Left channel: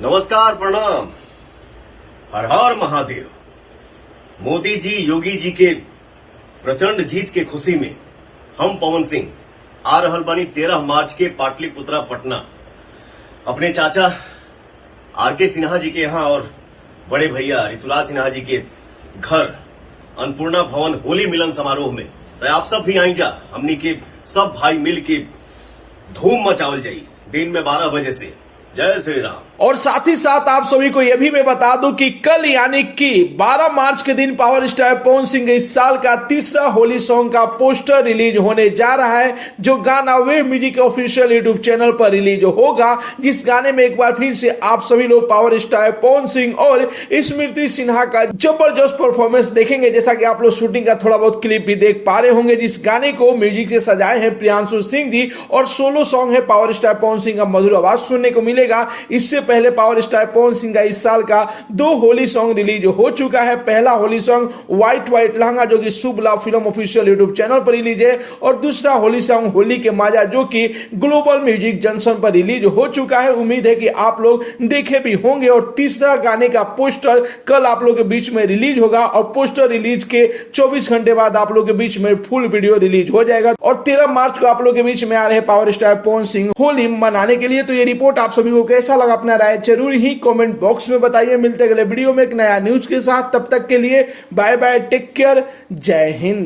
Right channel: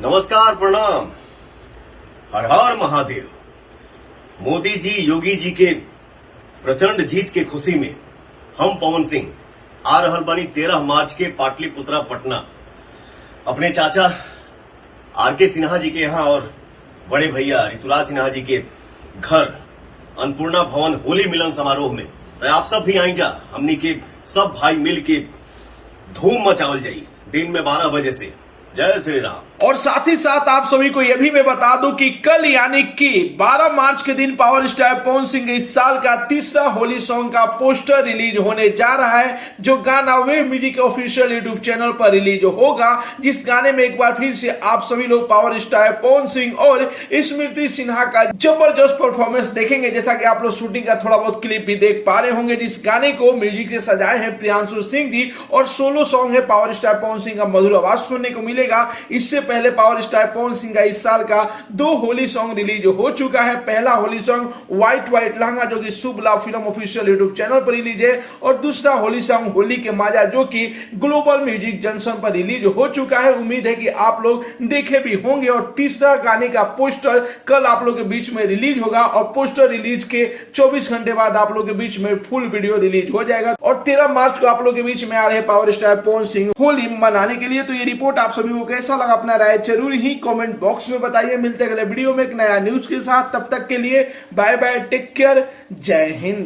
नमस्कार, प्रणाम, हर हर महादेव। मोदी जी, योगी जी के प्रचंड जीत के खुशी में हम पवन सिंह आ रहल बानी 13 मार्च के पाटलिपुत्रा पटना अपने चाचा आर के सिन्हा जी के यहाँ और बड़े भैया ऋतुराज सिन्हा जी के घर अन्नपूर्णा भवन होली मिलन समारोह में। तो आप सब भी आई जा, हमनी के सब भाई मिल के धूम मचावल जाई दिन में 12 बजे से। जय श्री राम। और साथ ही साथ आप सभी को यह भी मैं बता दूं कि कल यानी कि 12 मार्च के दिन पावर स्टार पवन सिंह इस साल का तीसरा होली सॉन्ग का पोस्टर रिलीज होने जा रहा है, जो गाना वेव म्यूजिक के ऑफिशियल यूट्यूब चैनल पर रिलीज होगा। जिस गाने में एक बार फिर से आप सभी लोग पावर स्टार पवन सिंह और स्मृति सिन्हा का जबरदस्त परफॉर्मेंस देखेंगे। जैसा कि आप लोग शूटिंग का थोड़ा बहुत क्लिप भी देख पा रहे होंगे। जिस गाने को म्यूजिक से सजाए हैं प्रियांशु सिंह जी और सोलो सॉन्ग है पावर स्टार पवन सिंह का मधुर आवाज सुनने को मिलेगा। इससे पहले पावर स्टार पवन सिंह का इस साल का 2 होली सॉन्ग रिलीज हो चुका है। पहला Holi song white white lehenga जो कि शुभ लाभ फिल्म ऑफिशियल यूट्यूब चैनल पर रिलीज है, और दूसरा होली सॉन्ग होली के माजा जो कि ग्लोबल म्यूजिक जंक्शन पर रिलीज हो चुका है। उम्मीद है कि आप लोग देखे भी होंगे। और तीसरा गाने का पोस्टर कल आप लोग के बीच में रिलीज होगा और पोस्टर रिलीज के 24 घंटे बाद आप लोग के बीच में फुल वीडियो रिलीज हो जाएगा। और 13 मार्च को आप लोग के बीच में आ रहे हैं पावर स्टार पवन सिंह होली मनाने के लिए। तो ये रिपोर्ट आप सभी को कैसा लगा, अपना राय जरूर ही कमेंट बॉक्स में बताइए। मिलते अगले वीडियो में एक नया न्यूज के साथ, तब तक के लिए बाय बाय, टेक केयर, जय हिंद।